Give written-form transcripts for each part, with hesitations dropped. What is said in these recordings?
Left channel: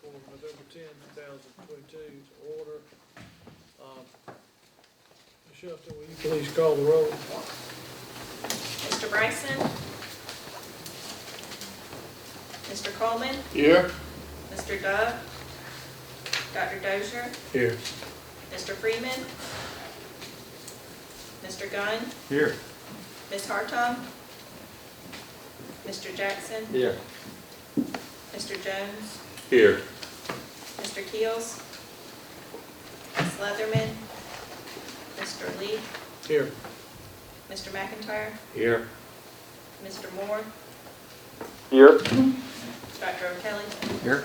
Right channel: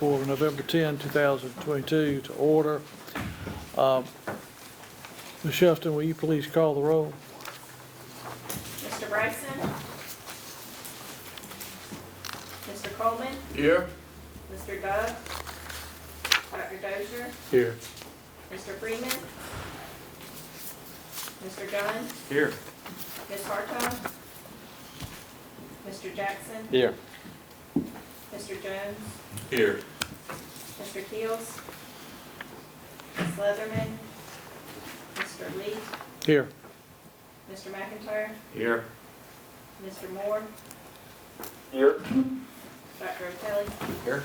for November 10, 2022 to order. Ms. Shelton, will you please call the roll? Mr. Bryson? Mr. Coleman? Here. Mr. Dove? Dr. Dozier? Here. Mr. Freeman? Mr. Gunn? Here. Ms. Hartog? Mr. Jackson? Here. Mr. Jones? Here. Mr. Keels? Ms. Leatherman? Mr. Lee? Here. Mr. McIntyre? Here. Mr. Moore? Here. Dr. O'Kelly? Here.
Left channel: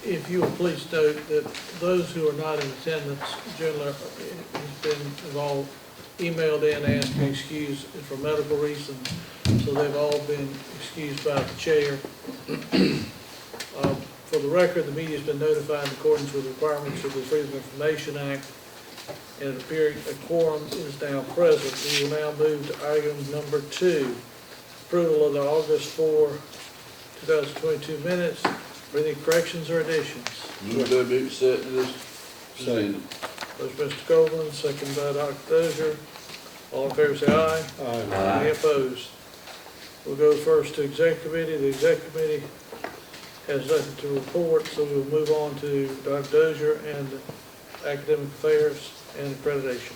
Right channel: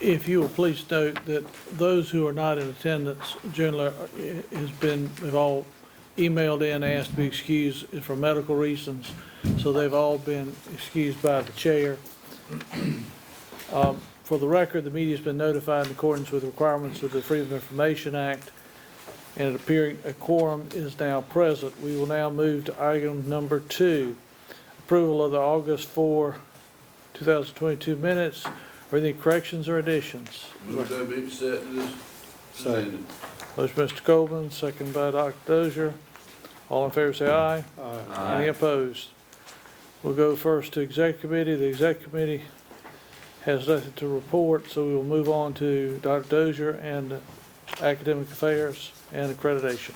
If you will please note that those who are not in attendance generally they've all emailed in, asked to be excused for medical reasons, so they've all been excused by the chair. For the record, the media's been notified in accordance with the requirements of the Freedom of Information Act, and it appears a quorum is now present. We will now move to item number 2, approval of the August 4, 2022 minutes. Are there any corrections or additions? Move that be set to this. Second. Motion, Mr. Coleman, second by Dr. Dozier. All in favor say aye. Aye. Any opposed? We'll go first to Executive Committee. The Executive Committee has nothing to report, so we will move on to Dr. Dozier and Academic Affairs and Accreditation.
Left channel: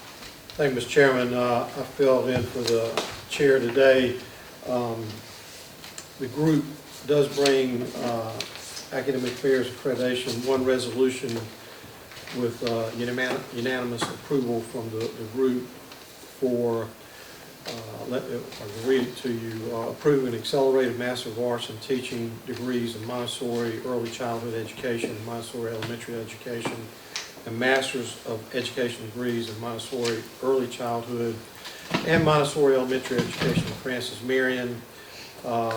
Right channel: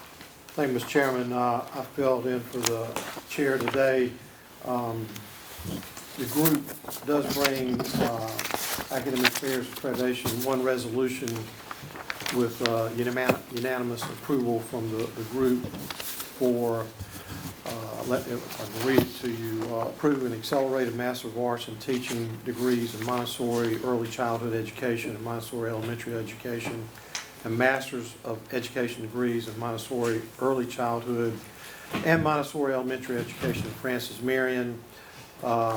Thank you, Mr. Chairman. I filled in for the chair today. The group does bring Academic Affairs Accreditation, one resolution with unanimous approval from the group for, I'll read it to you, approving accelerated Master of Arts in Teaching degrees in Montessori Early Childhood Education and Montessori Elementary Education, and Masters of Education degrees in Montessori Early Childhood and Montessori Elementary Education in Francis Marion. I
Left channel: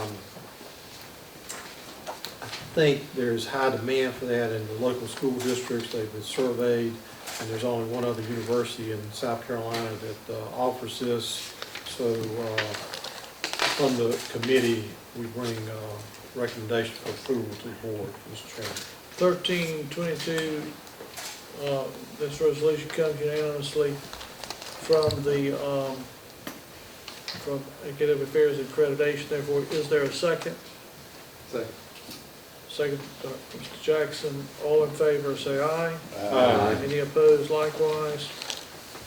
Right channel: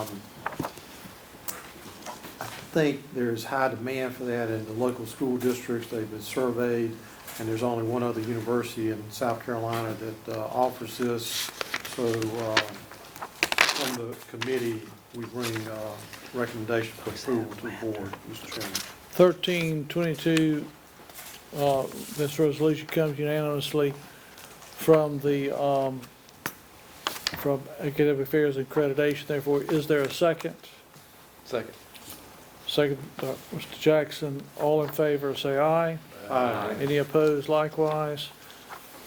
think there's high demand for that in the local school districts. They've been surveyed, and there's only one other university in South Carolina that offers this. So from the committee, we bring recommendation for approval to the board, Mr. Chairman. 1322, this resolution comes unanimously from the from Academic Affairs and Accreditation. Therefore, is there a second? Second. Second, Mr. Jackson. All in favor say aye. Aye. Any opposed likewise?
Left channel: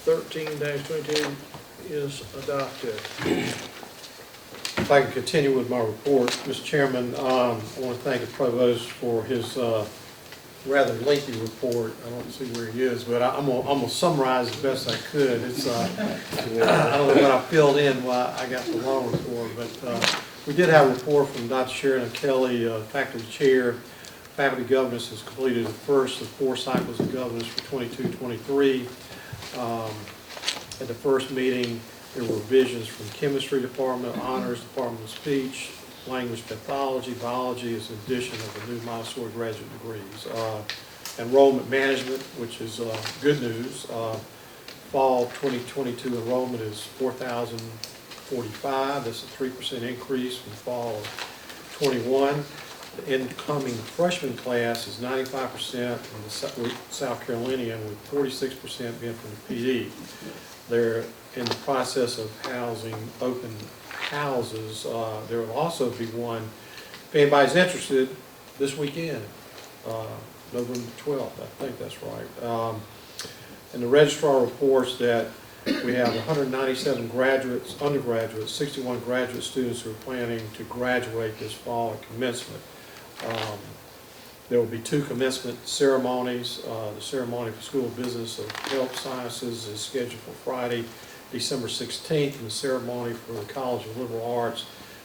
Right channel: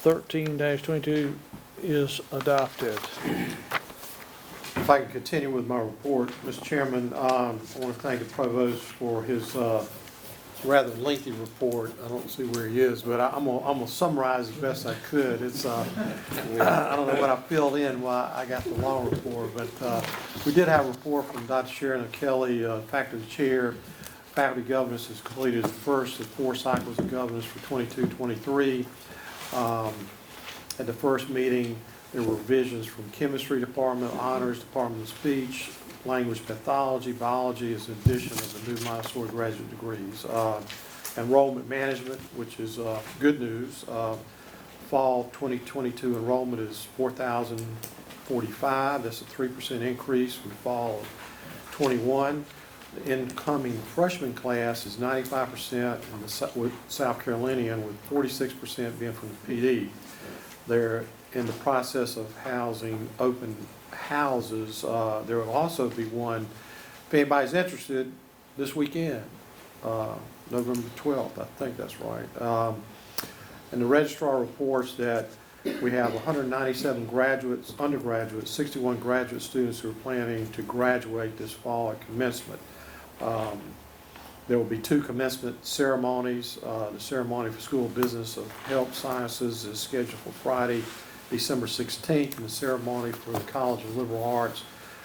13-22 is adopted. If I can continue with my report, Mr. Chairman, I want to thank the provost for his rather lengthy report. I don't see where he is, but I'm gonna summarize as best I could. It's I don't know what I filled in while I got the long report, but we did have a report from Dr. Sharon Kelly, faculty chair. Faculty governance has completed the first of 4 cycles of governance for 22-23. At the first meeting, there were revisions from chemistry department, honors department of speech, language pathology, biology is an addition of the new Montessori graduate degrees. Enrollment management, which is good news. Fall 2022 enrollment is 4,045. That's a 3% increase from fall 21. The incoming freshman class is 95% from the South Carolinian, with 46% being from the PD. They're in the process of housing open houses. There will also be one, if anybody's interested, this weekend, November 12th, I think that's right. And the registrar reports that we have 197 graduates, undergraduates, 61 graduate students who are planning to graduate this fall at commencement. There will be 2 commencement ceremonies. The ceremony for School of Business of Health Sciences is scheduled for Friday, December 16th, and the ceremony for the College of Liberal Arts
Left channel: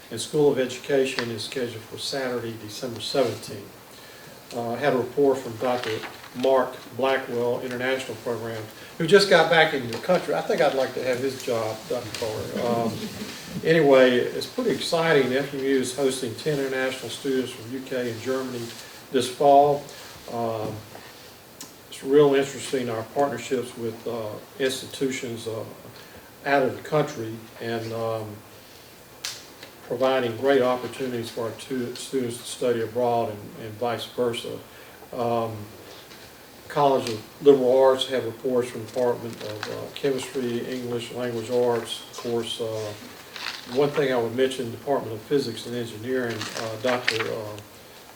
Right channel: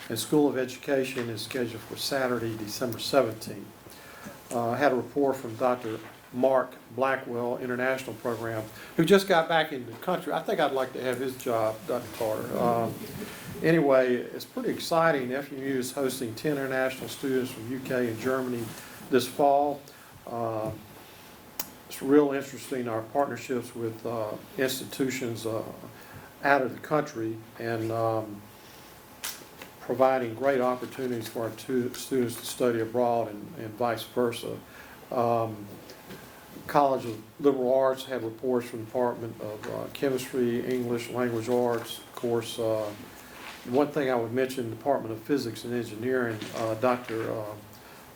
and School of Education is scheduled for Saturday, December 17th. I had a report from Dr. Mark Blackwell, International Program, who just got back into the country. I think I'd like to have his job, Dr. Carter. Anyway, it's pretty exciting. The FMU is hosting 10 international students from UK and Germany this fall. It's real interesting, our partnerships with institutions out of the country and providing great opportunities for our students to study abroad and vice versa. College of Liberal Arts have reports from the Department of Chemistry, English, Language Arts. Of course, one thing I would mention, the Department of Physics and Engineering, Dr.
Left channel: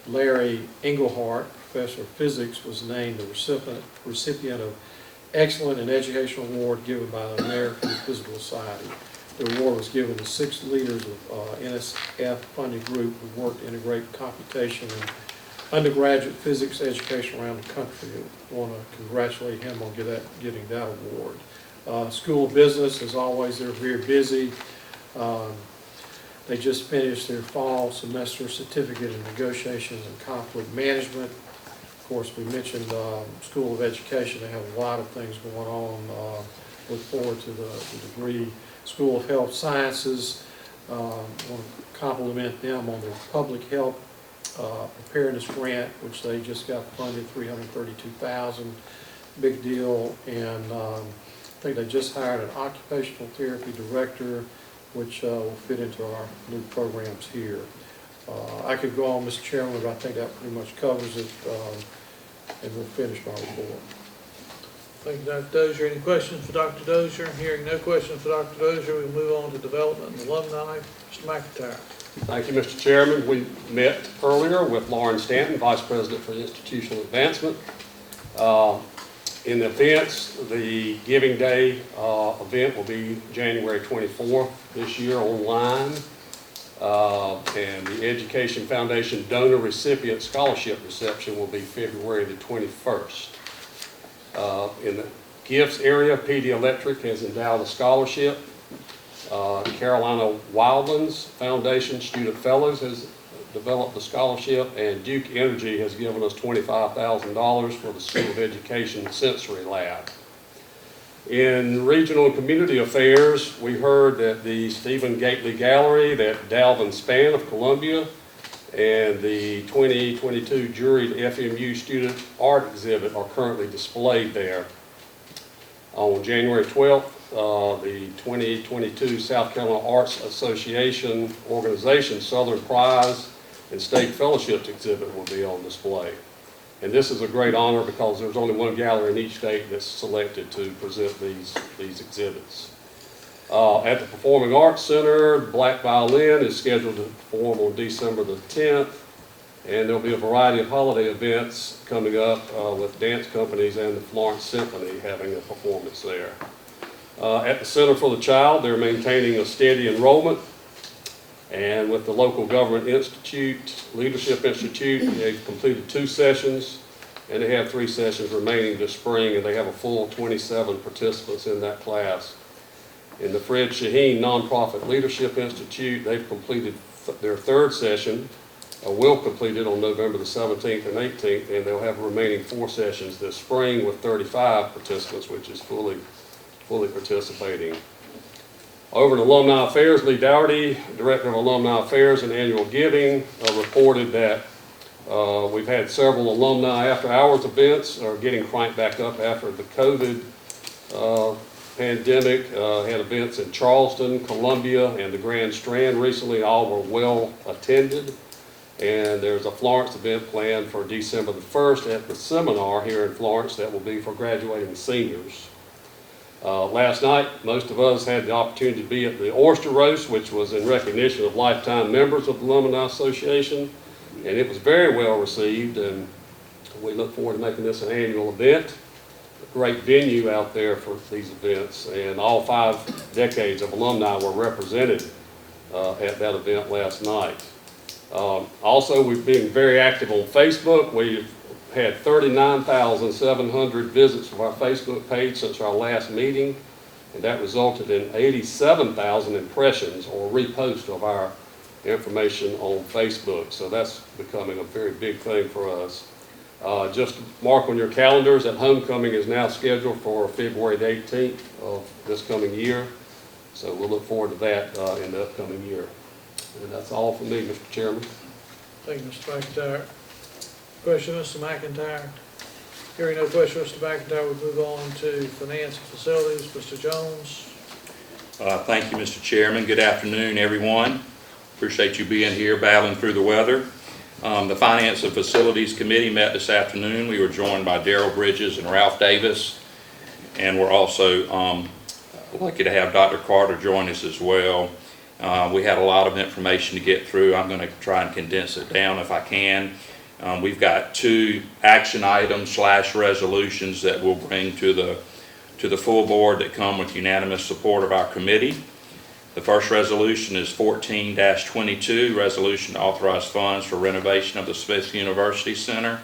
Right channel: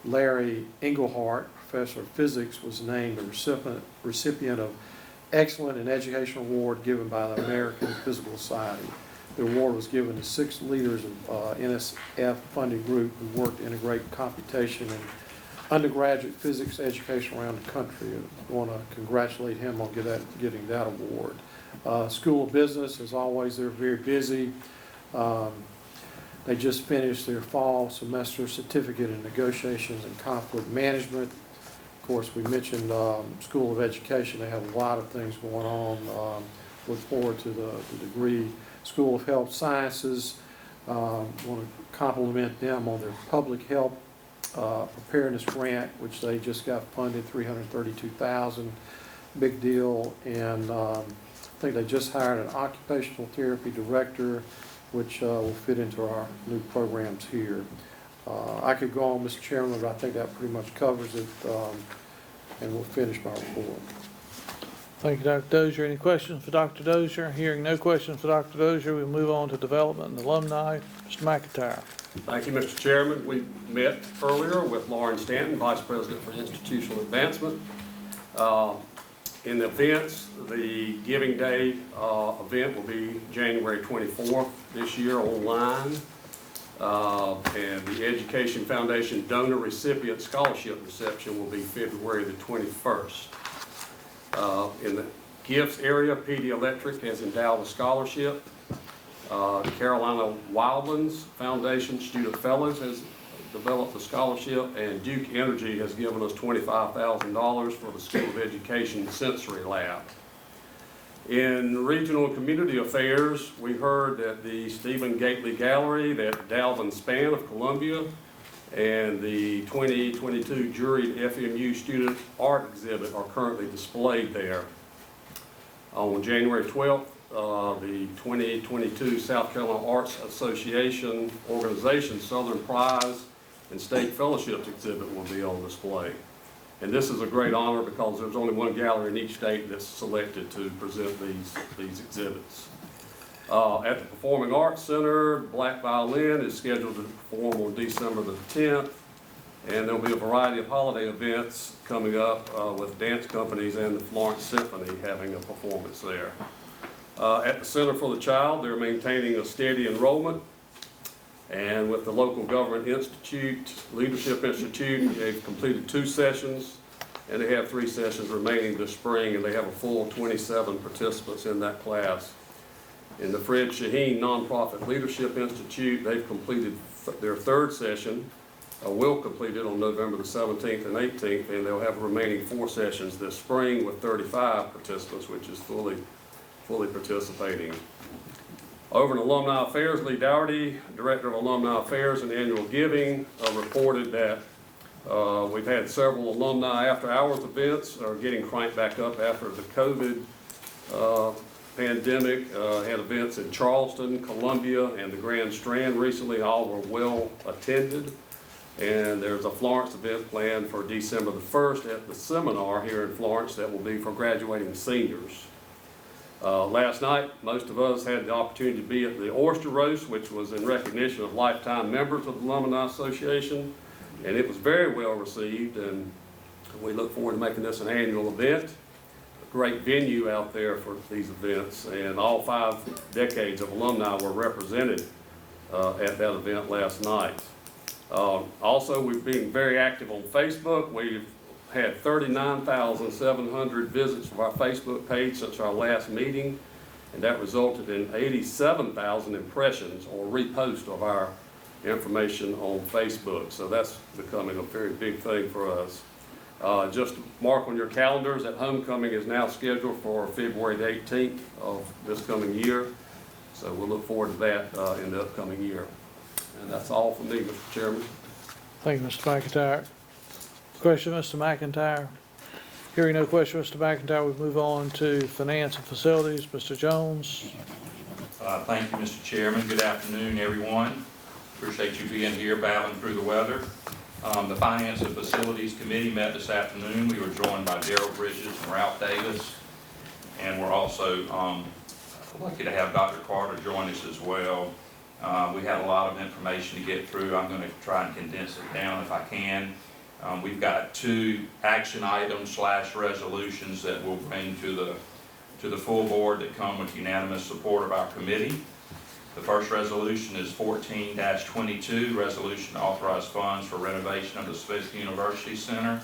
Larry Engelhardt, Professor of Physics, was named the recipient of Excellent in Educational Award given by the American Physical Society. The award was given to 6 leaders of NSF-funded group who worked to integrate computation and undergraduate physics education around the country. I want to congratulate him on getting that award. School of Business, as always, they're very busy. They just finished their fall semester certificate in negotiations and conflict management. Of course, we mentioned School of Education. They have a lot of things going on. Look forward to the degree. School of Health Sciences, want to compliment them on their public health preparedness grant, which they just got funded, $332,000, big deal. And I think they just hired an occupational therapy director, which will fit into our new programs here. I could go on, Mr. Chairman, but I think that pretty much covers it, and we'll finish my report. Thank you, Dr. Dozier. Any questions for Dr. Dozier? Hearing no questions for Dr. Dozier, we'll move on to development and alumni. Mr. McIntyre. Thank you, Mr. Chairman. We met earlier with Lauren Stanton, Vice President for Institutional Advancement. In the events, the Giving Day event will be January 24th this year online. And the Education Foundation Donor Recipient Scholarship Reception will be February the 21st. In the gifts area, PD Electric has endowed a scholarship. The Carolina Wildlands Foundation Student Fellows has developed a scholarship, and Duke Energy has given us $25,000 for the School of Education Sensory Lab. In regional and community affairs, we heard that the Stephen Gately Gallery, that Dalvin Spann of Columbia, and the 2022 juried FMU Student Art Exhibit are currently displayed there. On January 12th, the 2022 South Carolina Arts Association Organization Southern Prize and State Fellowships exhibit will be on display. And this is a great honor because there's only one gallery in each state that's selected to present these exhibits. At the Performing Arts Center, Black Violin is scheduled to perform on December the 10th, and there'll be a variety of holiday events coming up with dance companies and the Florence Symphony having a performance there. At the Center for the Child, they're maintaining a steady enrollment, and with the Local Government Institute, Leadership Institute, they've completed 2 sessions, and they have 3 sessions remaining this spring, and they have a full 27 participants in that class. In the Fred Shaheen Nonprofit Leadership Institute, they've completed their 3rd session, will complete it on November the 17th and 18th, and they'll have remaining 4 sessions this spring with 35 participants, which is fully participating. Over in Alumni Affairs, Lee Dougherty, Director of Alumni Affairs and Annual Giving, reported that we've had several alumni after-hours events are getting cranked back up after the COVID pandemic. Had events in Charleston, Columbia, and the Grand Strand recently. All were well attended. And there's a Florence event planned for December the 1st at the seminar here in Florence that will be for graduating seniors. Last night, most of us had the opportunity to be at the Oyster Roast, which was in recognition of lifetime members of the Alumni Association, and it was very well received, and we look forward to making this an annual event. A great venue out there for these events, and all 5 decades of alumni were represented at that event last night. Also, we've been very active on Facebook. We've had 39,700 visits of our Facebook page since our last meeting, and that resulted in 87,000 impressions or reposts of our information on Facebook. So that's becoming a very big thing for us. Just mark on your calendars that homecoming is now scheduled for February the 18th of this coming year. So we'll look forward to that in the upcoming year. And that's all from me, Mr. Chairman. Thank you, Mr. McIntyre. Question, Mr. McIntyre. Hearing no question, Mr. McIntyre, we move on to finance and facilities. Mr. Jones. Thank you, Mr. Chairman. Good afternoon, everyone. Appreciate you being here battling through the weather. The Finance and Facilities Committee met this afternoon. We were joined by Darrell Bridges and Ralph Davis, and we're also lucky to have Dr. Carter join us as well. We had a lot of information to get through. I'm going to try and condense it down if I can. We've got 2 action items / resolutions that we'll bring to the full board that come with unanimous support of our committee. The first resolution is 14-22, resolution to authorize funds for renovation of the Smith University Center.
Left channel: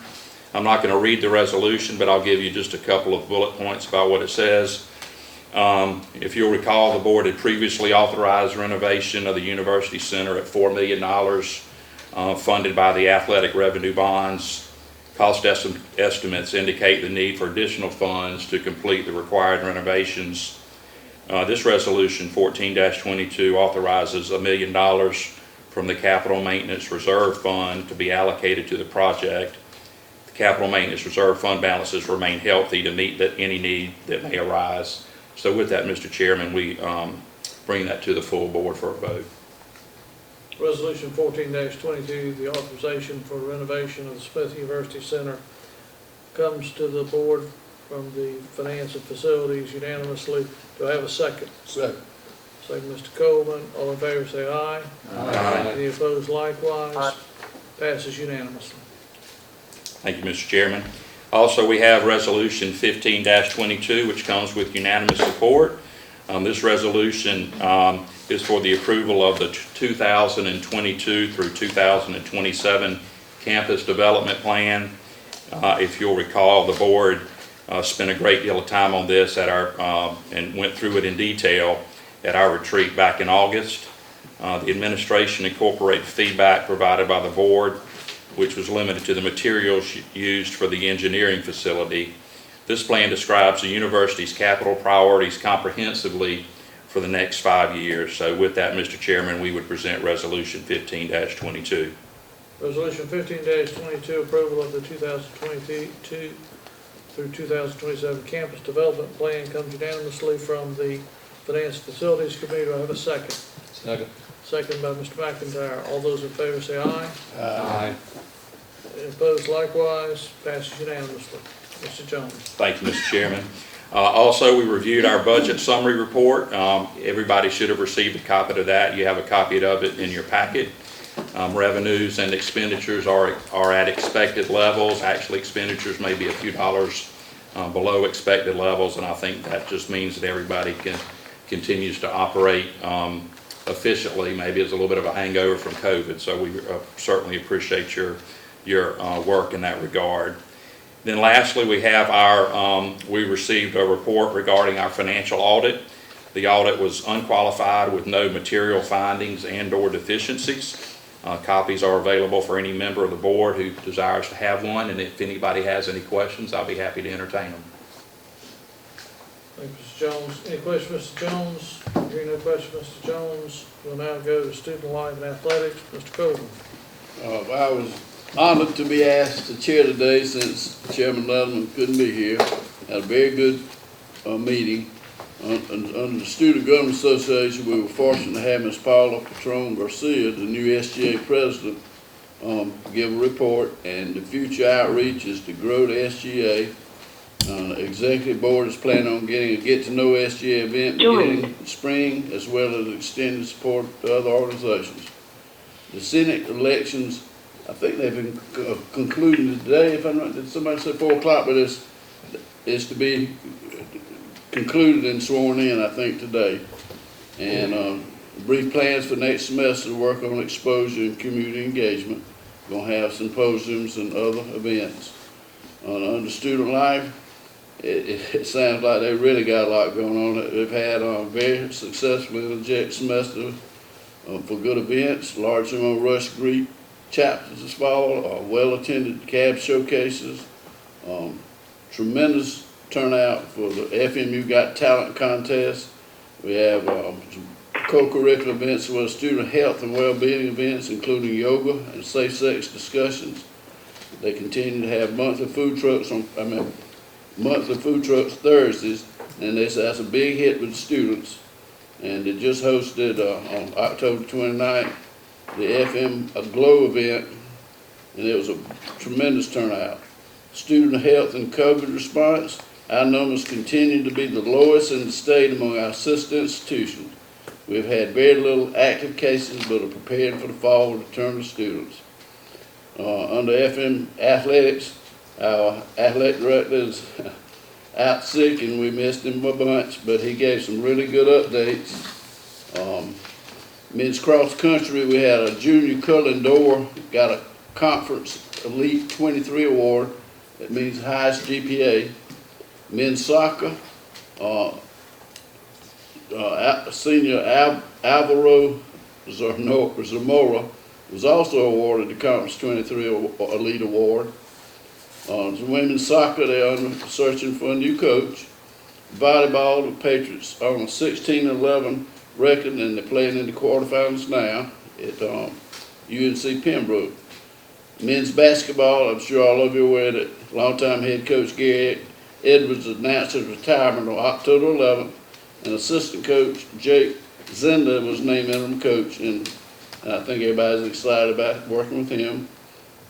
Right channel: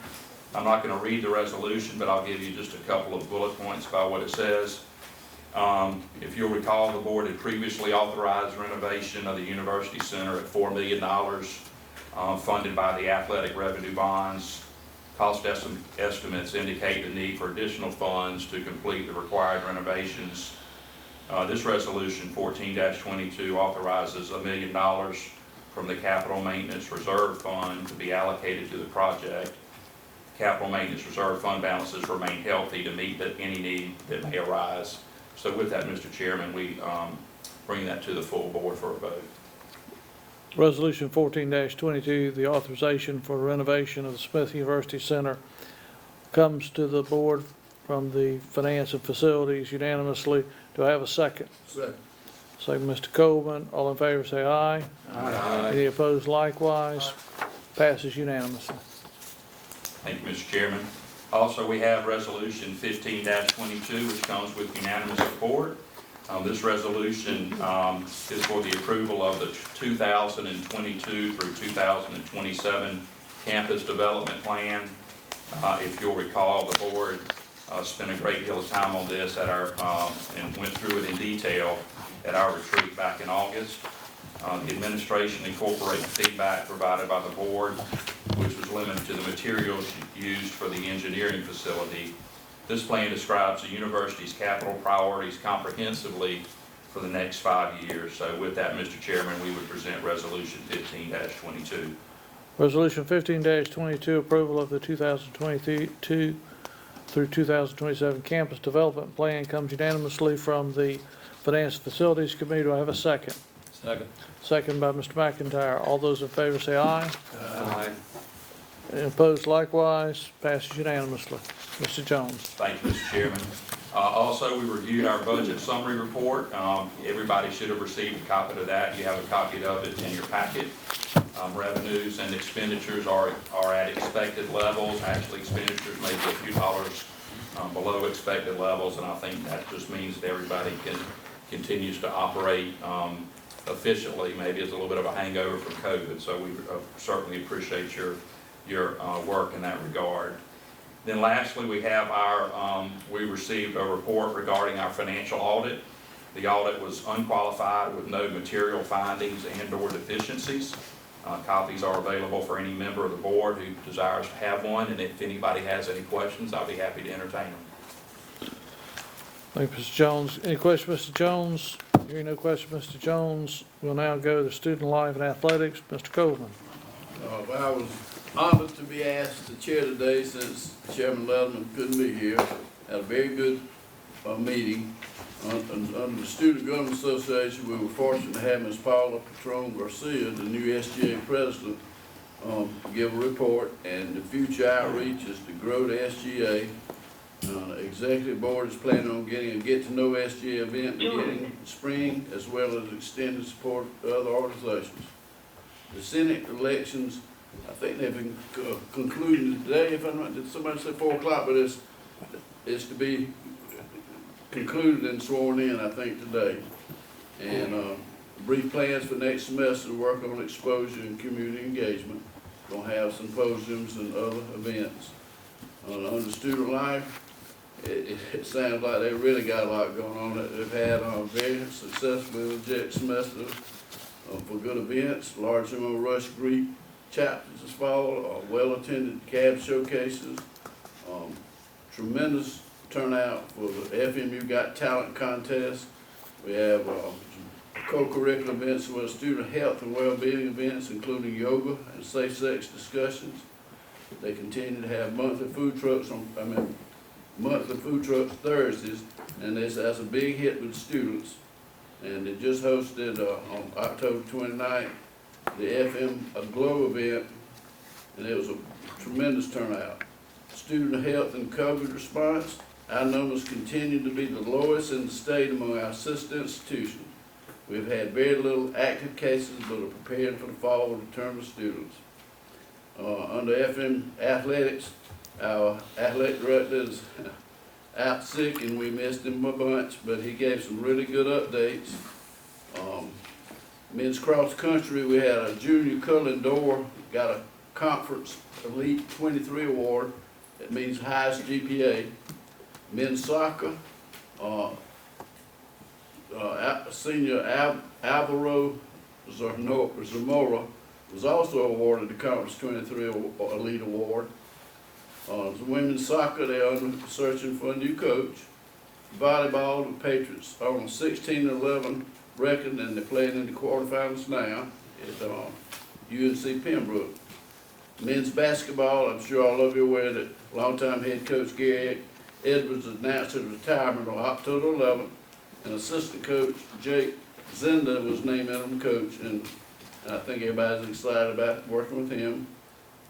I'm not going to read the resolution, but I'll give you just a couple of bullet points about what it says. If you'll recall, the board had previously authorized renovation of the University Center at $4 million, funded by the athletic revenue bonds. Cost estimates indicate the need for additional funds to complete the required renovations. This resolution, 14-22, authorizes $1 million from the Capital Maintenance Reserve Fund to be allocated to the project. The Capital Maintenance Reserve Fund balances remain healthy to meet any need that may arise. So with that, Mr. Chairman, we bring that to the full board for a vote. Resolution 14-22, the authorization for renovation of the Smith University Center comes to the board from the Finance and Facilities unanimously. Do I have a second? Second. Second, Mr. Coleman. All in favor say aye. Aye. Any opposed likewise? Passes unanimously. Thank you, Mr. Chairman. Also, we have Resolution 15-22, which comes with unanimous support. This resolution is for the approval of the 2022 through 2027 campus development plan. If you'll recall, the board spent a great deal of time on this at our and went through it in detail at our retreat back in August. The administration incorporated feedback provided by the board, which was limited to the materials used for the engineering facility. This plan describes the university's capital priorities comprehensively for the next 5 years. So with that, Mr. Chairman, we would present Resolution 15-22. Resolution 15-22, approval of the 2022 through 2027 campus development plan comes unanimously from the Finance and Facilities Committee. Do I have a second? Second. Second by Mr. McIntyre. All those in favor say aye. Aye. Any opposed likewise? Passes unanimously. Mr. Jones. Thank you, Mr. Chairman. Also, we reviewed our budget summary report. Everybody should have received a copy of that. You have a copy of it in your packet. Revenues and expenditures are at expected levels. Actually, expenditures may be a few dollars below expected levels, and I think that just means that everybody continues to operate efficiently. Maybe it's a little bit of a hangover from COVID, so we certainly appreciate your work in that regard. Then lastly, we have we received a report regarding our financial audit. The audit was unqualified with no material findings and/or deficiencies. Copies are available for any member of the board who desires to have one, and if anybody has any questions, I'll be happy to entertain them. Thank you, Mr. Jones. Any questions, Mr. Jones? Hearing no questions, Mr. Jones, we'll now go to student life and athletics. Mr. Coleman. I was honored to be asked to chair today since Chairman Leatherman couldn't be here. Had a very good meeting. Under the Student Government Association, we were fortunate to have Ms. Paula Patron Garcia, the new SGA president, give a report, and the future outreach is to grow the SGA. Executive board is planning on getting a get-to-know SGA event beginning in spring, as well as extended support to other organizations. The Senate elections, I think they've been concluded today. If I'm not, did somebody say 4 o'clock? But it's to be concluded and sworn in, I think, today. And brief plans for next semester to work on exposure and community engagement. Gonna have symposiums and other events. Under student life, it sounds like they really got a lot going on. They've had a very successful semester for good events, large number of Rush Greek chapters this fall, well-attended cab showcases, tremendous turnout for the FMU Got Talent contest. We have some co-curricular events for student health and well-being events, including yoga and safe sex discussions. They continue to have monthly food trucks monthly food trucks Thursdays, and that's a big hit with students. and they just hosted on October 29th the FM Glow event, and it was a tremendous turnout. Student health and COVID response, our numbers continue to be the lowest in the state among our sister institutions. We've had very little active cases, but are prepared for the fall return of students. Under FM athletics, our athletic director is out sick, and we missed him a bunch, but he gave some really good updates. Men's cross country, we had a junior curling door, got a conference elite 23 award. That means highest GPA. Men's soccer, senior Alvaro Zamora was also awarded the Conference 23 Elite Award. Women's soccer, they're searching for a new coach. Volleyball, the Patriots are on a 16-11 record, and they're playing in the quarterfinals now at UNC Pembroke. Men's basketball, I'm sure all of you are aware that longtime head coach Gary Edwards announced his retirement on October 11th, and assistant coach Jake Zenda was named interim coach, and I think everybody's excited about working with him.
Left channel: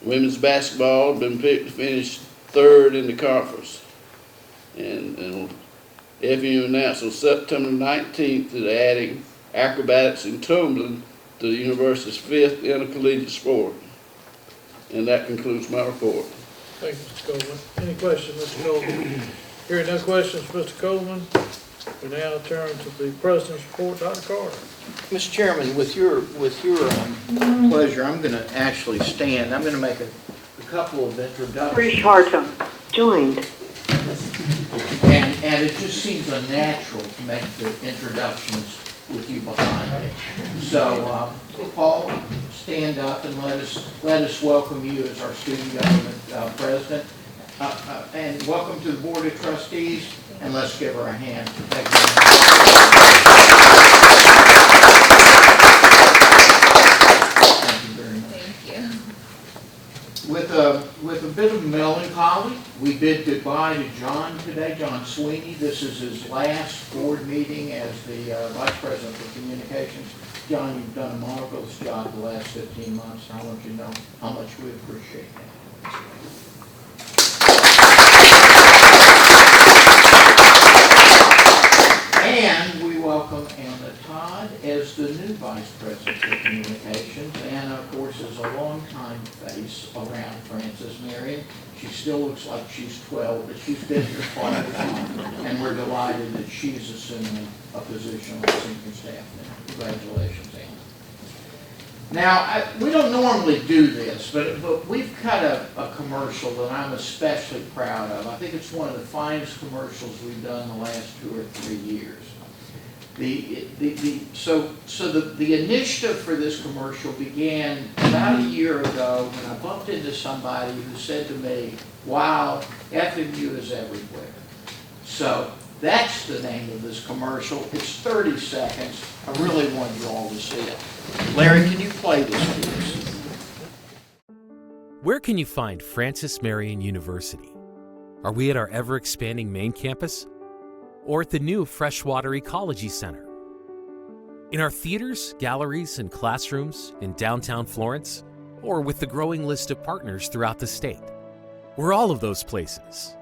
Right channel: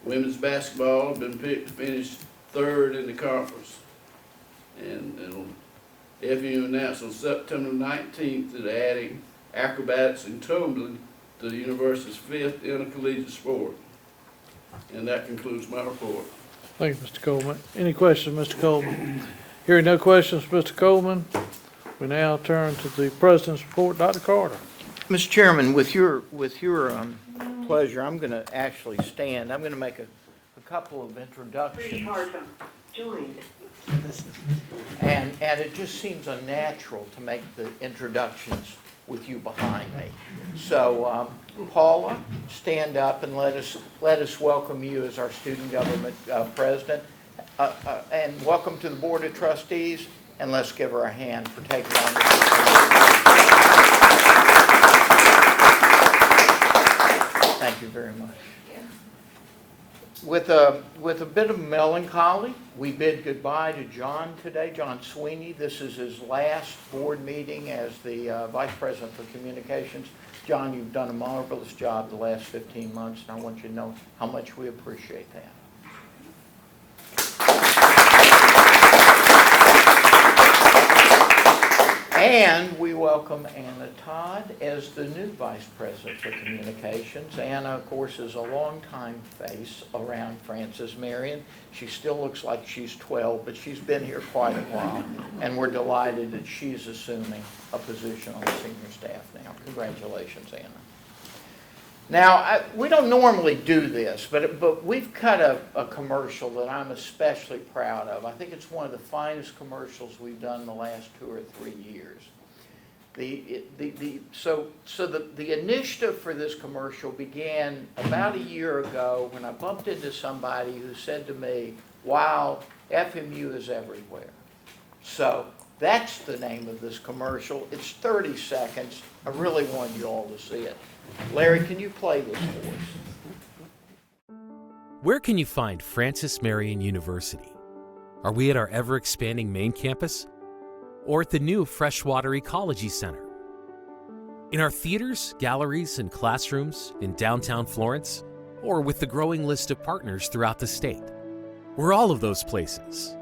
Women's basketball been picked to finish third in the conference, and FMU announced on September 19th that they're adding acrobatics and tumbling to the university's 5th intercollegiate sport. And that concludes my report. Thank you, Mr. Coleman. Any questions, Mr. Coleman? Hearing no questions, Mr. Coleman, we now turn to the President's report. Dr. Carter. Mr. Chairman, with your pleasure, I'm going to actually stand. I'm going to make a couple of introductions. Hartum joined. And it just seems unnatural to make the introductions with you behind me. So, Paul, stand up and let us welcome you as our student government president. And welcome to the Board of Trustees, and let's give her a hand for taking Thank you very much. Thank you. With a bit of melancholy, we bid goodbye to John today, John Sweeney. This is his last board meeting as the Vice President for Communications. John, you've done a marvelous job the last 15 months, and I want you to know how much we appreciate that. And we welcome Anna Todd as the new Vice President for Communications. Anna, of course, is a longtime face around Francis Marion. She still looks like she's 12, but she's been here quite a while, and we're delighted that she's assuming a position on the senior staff now. Congratulations, Anna. Now, we don't normally do this, but we've cut a commercial that I'm especially proud of. I think it's one of the finest commercials we've done the last 2 or 3 years. The initiative for this commercial began about a year ago when I bumped into somebody who said to me, "Wow, FMU is everywhere." So that's the name of this commercial. It's 30 seconds. I really want you all to see it. Larry, can you play this, please? Where can you find Francis Marion University? Are we at our ever-expanding main campus? Or at the new Freshwater Ecology Center? In our theaters, galleries, and classrooms in downtown Florence? Or with the growing list of partners throughout the state? We're all of those places.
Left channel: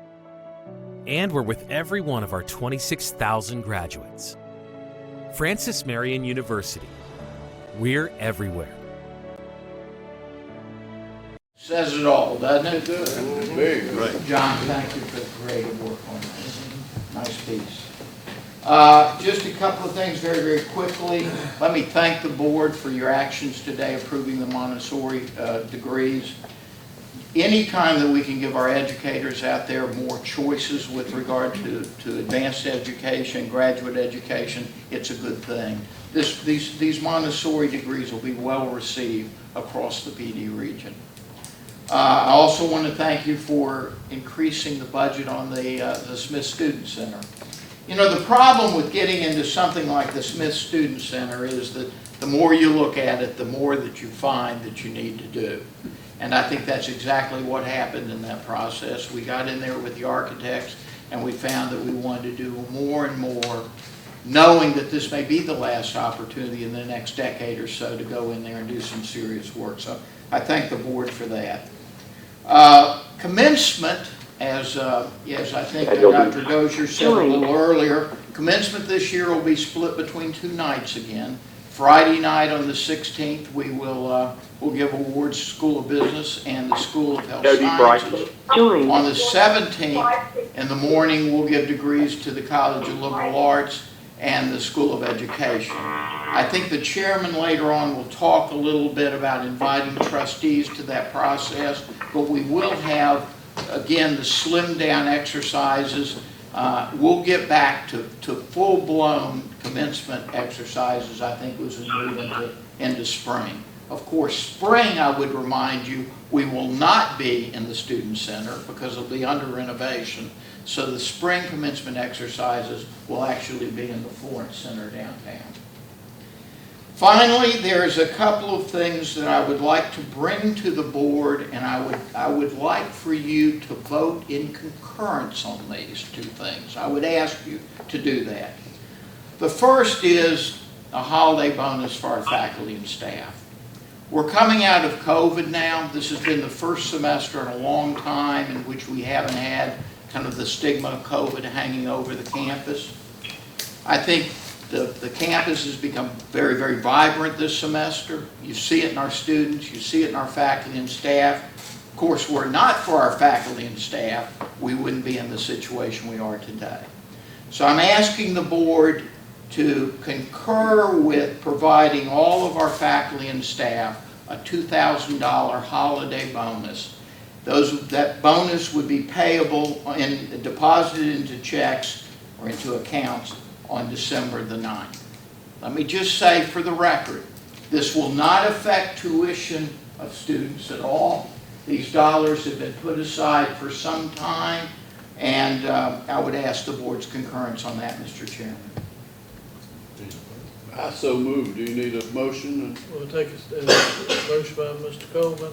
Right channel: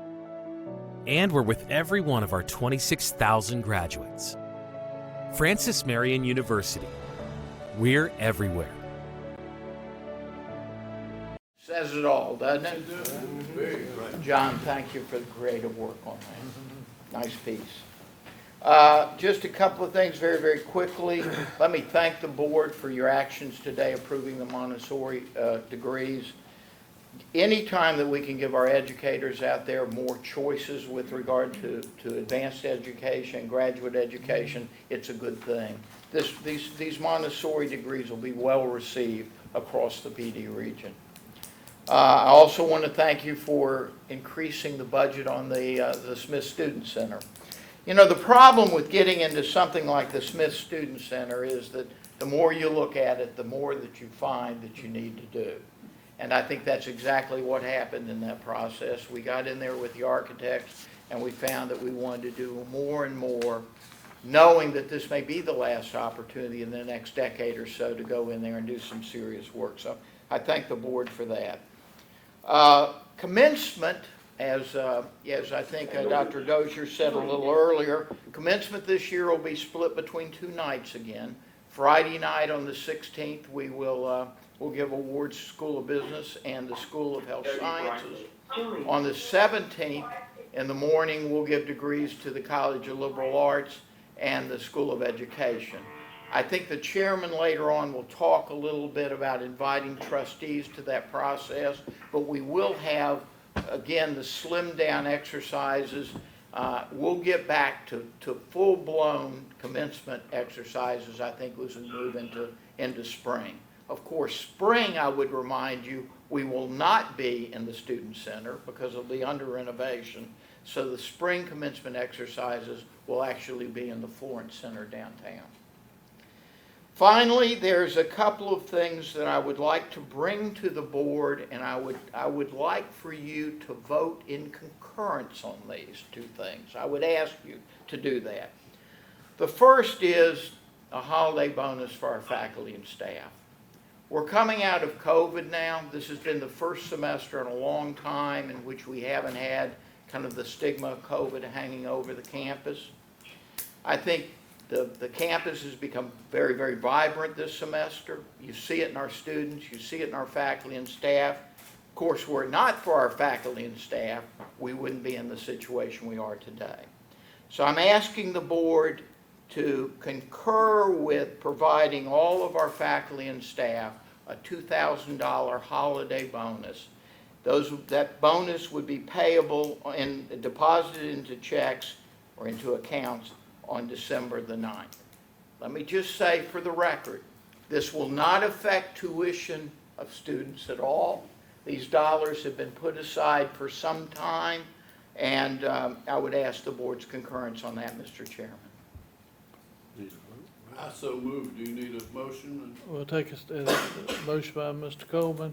And we're with every one of our 26,000 graduates. Francis Marion University. We're everywhere. Says it all, doesn't it? Very good. John, thank you for the creative work on that. Nice piece. Just a couple of things very, very quickly. Let me thank the board for your actions today approving the Montessori degrees. Anytime that we can give our educators out there more choices with regard to advanced education, graduate education, it's a good thing. These Montessori degrees will be well received across the PD region. I also want to thank you for increasing the budget on the Smith Student Center. You know, the problem with getting into something like the Smith Student Center is that the more you look at it, the more that you find that you need to do. And I think that's exactly what happened in that process. We got in there with the architects and we found that we wanted to do more and more knowing that this may be the last opportunity in the next decade or so to go in there and do some serious work. So I thank the board for that. Commencement, as I think Dr. Dozier said a little earlier, commencement this year will be split between 2 nights again. Friday night on the 16th, we'll give awards to School of Business and the School of Health Sciences. On the 17th, in the morning, we'll give degrees to the College of Liberal Arts and the School of Education. I think the chairman later on will talk a little bit about inviting trustees to that process, but we will have, again, the slimmed down exercises. We'll get back to full-blown commencement exercises, I think, as we move into spring. Of course, spring, I would remind you, we will not be in the Student Center because it'll be under renovation. So the spring commencement exercises will actually be in the Florence Center downtown. Finally, there's a couple of things that I would like to bring to the board, and I would like for you to vote in concurrence on these 2 things. I would ask you to do that. The first is a holiday bonus for our faculty and staff. We're coming out of COVID now. This has been the first semester in a long time in which we haven't had kind of the stigma of COVID hanging over the campus. I think the campus has become very, very vibrant this semester. You see it in our students, you see it in our faculty and staff. Of course, were it not for our faculty and staff, we wouldn't be in the situation we are today. So I'm asking the board to concur with providing all of our faculty and staff a $2,000 holiday bonus. That bonus would be payable and deposited into checks or into accounts on December the 9th. Let me just say for the record, this will not affect tuition of students at all. These dollars have been put aside for some time, and I would ask the board's concurrence on that, Mr. Chairman. I so moved. Do you need a motion? We'll take a motion by Mr. Coleman,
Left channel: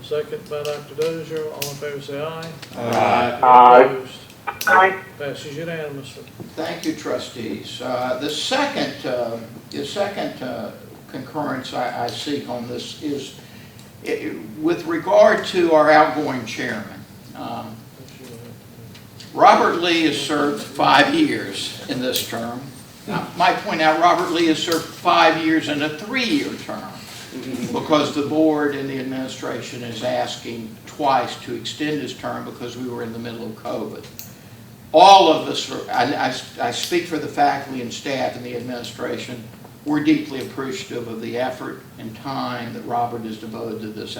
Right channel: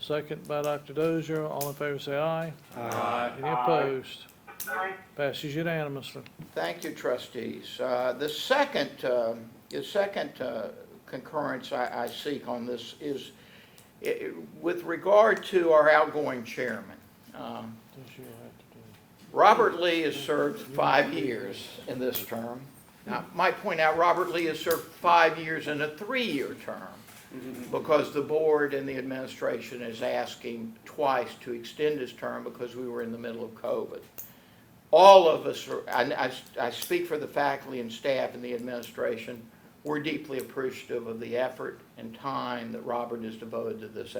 second by Dr. Dozier. All in favor say aye. Aye. Any opposed? Aye. Passes unanimously. Thank you, trustees. The second concurrence I seek on this is with regard to our outgoing chairman. Robert Lee has served 5 years in this term. Now, I might point out Robert Lee has served 5 years in a 3-year term because the board and the administration is asking twice to extend his term because we were in the middle of COVID. All of us, I speak for the faculty and staff and the administration, we're deeply appreciative of the effort and time that Robert has devoted to this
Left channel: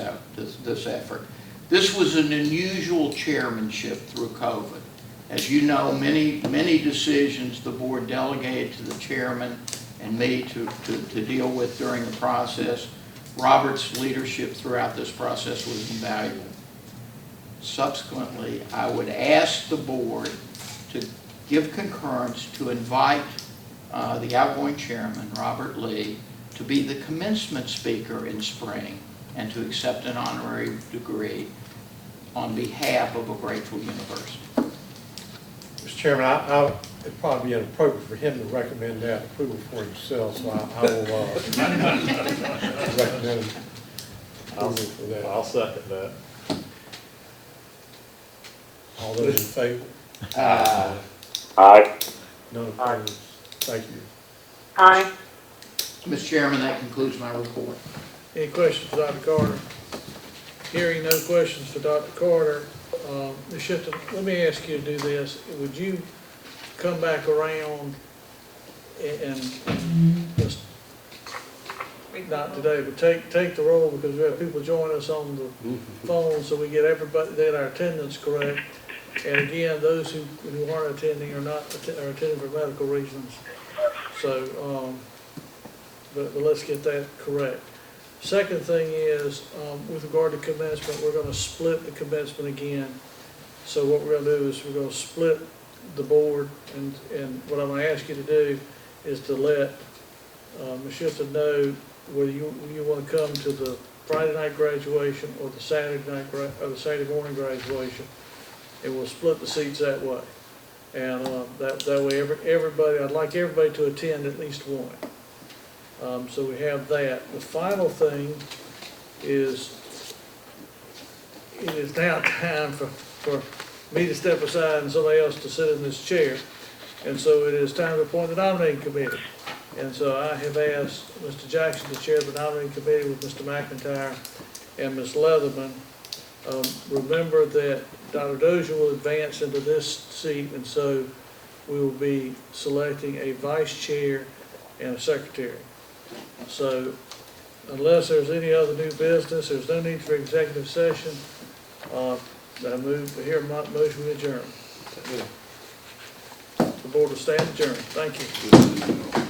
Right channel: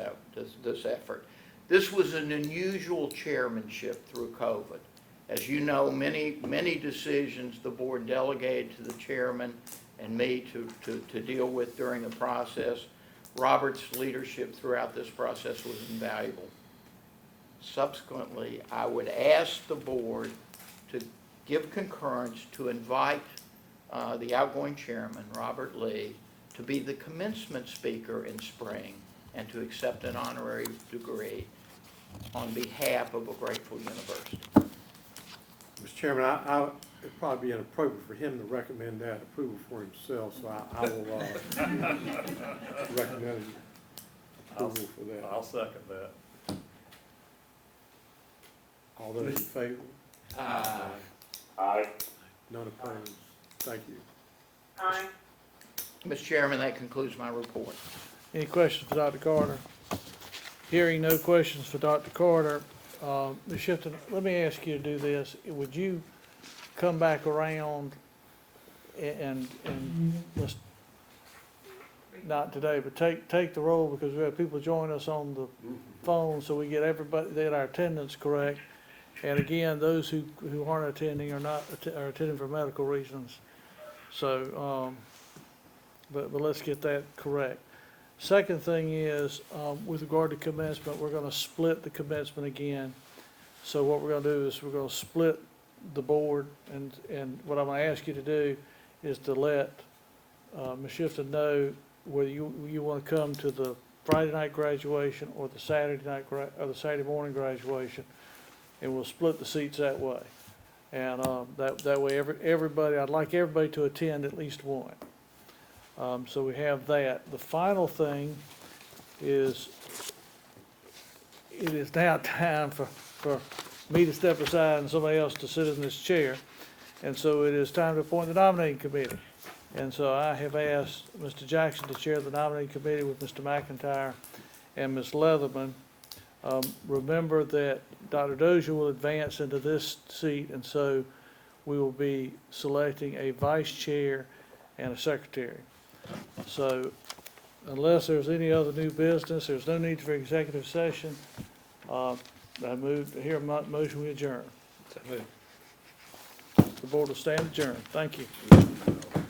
effort. This was an unusual chairmanship through COVID. As you know, many decisions the board delegated to the chairman and me to deal with during the process. Robert's leadership throughout this process was invaluable. Subsequently, I would ask the board to give concurrence to invite the outgoing chairman, Robert Lee, to be the commencement speaker in spring and to accept an honorary degree on behalf of a grateful university. Mr. Chairman, it'd probably be inappropriate for him to recommend that approval for himself, so I will recommend approval for that. I'll second that. All those in favor? Aye. None opposed? Thank you. Aye. Mr. Chairman, that concludes my report. Any questions for Dr. Carter? Hearing no questions for Dr. Carter, Ms. Shipton, let me ask you to do this. Would you come back around and just, not today, but take the roll, because we have people joining us on the phone, so we get everybody, that our attendance correct. And again, those who aren't attending are attending for medical reasons. So, but let's get that correct. Second thing is, with regard to commencement, we're going to split the commencement again. So what we're going to do is we're going to split the board, and what I'm going to ask you to do is to let Ms. Shifton know whether you want to come to the Friday night graduation or the Saturday night or the Saturday morning graduation, and we'll split the seats that way. And, that way everybody, I'd like everybody to attend at least one. So we have that. The final thing is, it is now time for me to step aside and somebody else to sit in this chair. And so it is time to appoint the nominating committee. And so I have asked Mr. Jackson to chair the nominating committee with Mr. McIntyre and Ms. Leatherman. Remember that Dr. Dozier will advance into this seat, and so we will be selecting a vice chair and a secretary. So unless there's any other new business, there's no need for executive session. I move, here my motion we adjourn. The board will stand adjourned. Thank you.